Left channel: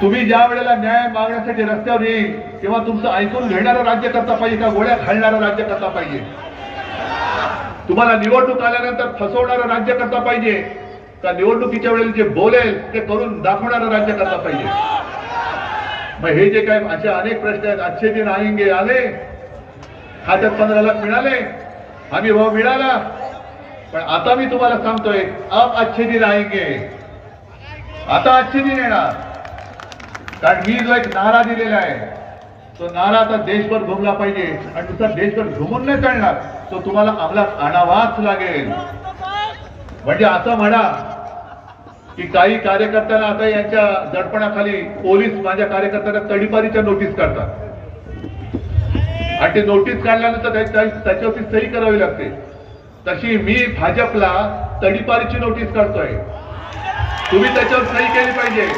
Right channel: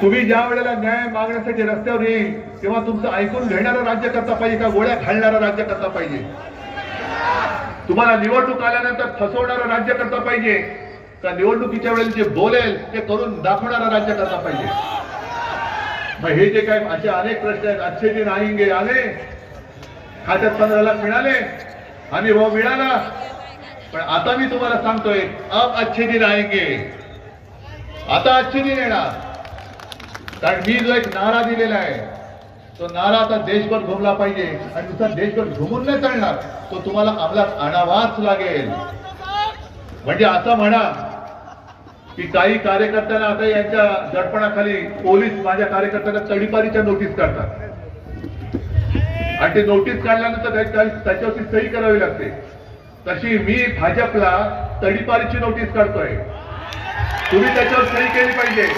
तुम्ही ज्या वेळेला न्याय मागण्यासाठी रस्त्यावर येईल तेव्हा तुमचं ऐकून घेणारं राज्यकर्ता पाहिजे का गोळ्या घालणारा राज्यकर्ता पाहिजे? तुम्हाला निवडणूक आल्यानंतर फसवणारा राज्यकर्ता पाहिजे का निवडणुकीच्या वेळेला जे बोलेल ते करून दाखवणारा राज्यकर्ता पाहिजे? मग हे जे काय असे अनेक प्रश्न आहेत, अच्छे दिन आएंगे आले, खात्यात 15 लाख मिळाले, आम्ही भाऊ मिळाला, पण आता मी तुम्हाला सांगतोय अब अच्छे दिन आएंगे, आता अच्छे दिन येणार. कारण मी जो एक नारा दिलेला आहे तो नारा आता देशभर घुमला पाहिजे आणि नुसता देशभर घुमून नाही चालणार, तो तुम्हाला अंमलात आणावाच लागेल. म्हणजे असं म्हणा की काही कार्यकर्त्यांना आता यांच्या दडपणाखाली पोलीस माझ्या कार्यकर्त्यांना तडीपारीच्या नोटीस काढतात आणि ते नोटीस काढल्यानंतर त्याच्यावरती सही करावी लागते. तशी मी भाजपला तडीपारीची नोटीस काढतोय, तुम्ही त्याच्यावर सही केली पाहिजे.